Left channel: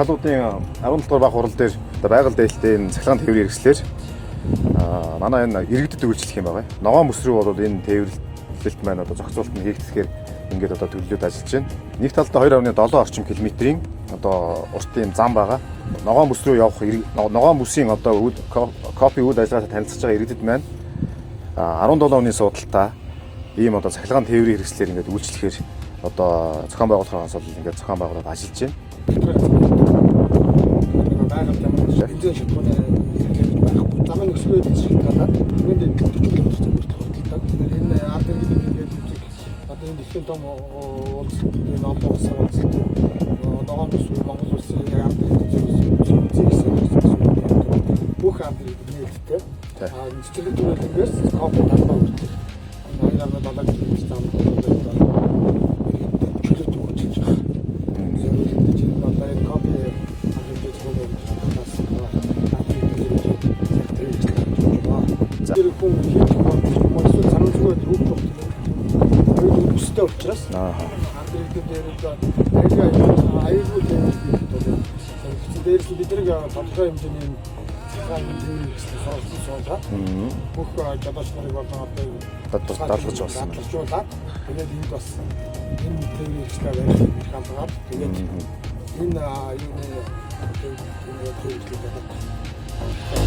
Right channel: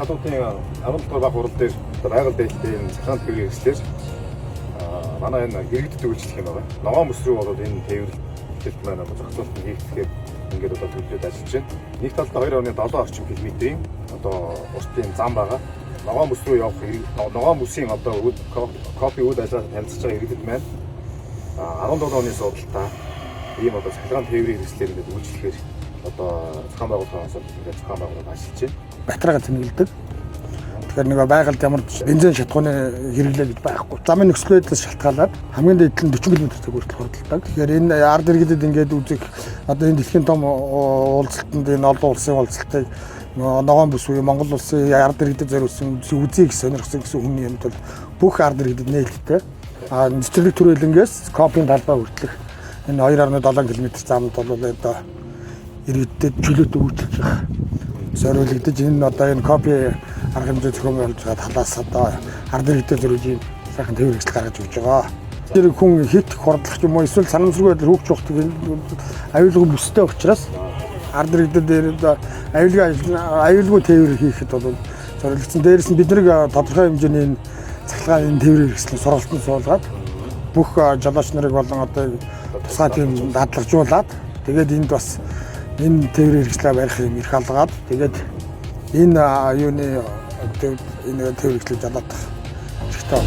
талуудын аврал баг хурал дээр байгаль дэйлтэй цахилгаан тээврийн хэрэгслэр манай энэ иргэдэд үйлчлэх юм байгаа. Ногоон бүс рүү бол энэ тээвэрлэлт маань одоо зохицуулалт нь хийгдэхээр ингээд одоо төлөвлөд ажиллаж байна. Нэг талдаа 2.7 орчим километрийн одоо уртын зам байгаа. Ногоон бүс рүү явах ногоон бүсийн одоо копи үйл ажиллагаатай танилцж байгаа иргэдэд маань 17 оны судалтаа ийм одоо цахилгаан тээврийн хэрэгслэр ингээд үйлчлэхээр одоо зохион байгуулалтаас ингээд зохион байгуулалт ажиллаж байна. Батрагад хэлдэг. Тэгэхээр нэг байгальд ямар ч бензин шатхууны хэрэглээд байхгүй. Замын нөхцөл байдлаас шалтгаалаад хамгийн дээд нь 40 км хүртэл хурддаг. Тэгэхээр энэ ард иргэдэд ингээд үзэх одоо энэ дэлхийн том уулзалтанд энэ олон улсын уулзалтыг ногоон бүс буюу Монгол улсын ард иргэдэд зориулсан үзье гэсэн сонирхсан хүний амтэр бүх ард иргэдэд нээлттэй. Цэцэрлэг түрээлэнгээс копийн талбай хүртэлх энэ 2.7 км замд бол одоо иргэдэд чөлөөтэй үйлчлэж байгаа. Зориулагдаж энэ одоо энэ копи арга хэмжээ зохион байгуулж байгаа талаас одоо ард иргэдэд зөвхөн сайхан тээвэрлэл гаргаж өгч байгаа. Тэр хүн хэд хурдлах юм уу эсвэл санамсргүй байдлаар хөвч явахдаг аюулгүй бүстэй учраас ард иргэдэд аюулгүй тээвэр хийхэд бол зориулагдсан. Дээрээс нь бид нэг тодорхой хэмжээний цахилгаан энэ тээврийн хэрэгслээ сургалтанд суулгаад бүх жолооч нарыг болон одоо тусгай тийм дадлагжуулаад тэгээд энд бас энэ тээврийн хэрэгслээ барих юм их алгаад тэгээд энэ юуны энэ тээврийг залаад хэрэгтэй.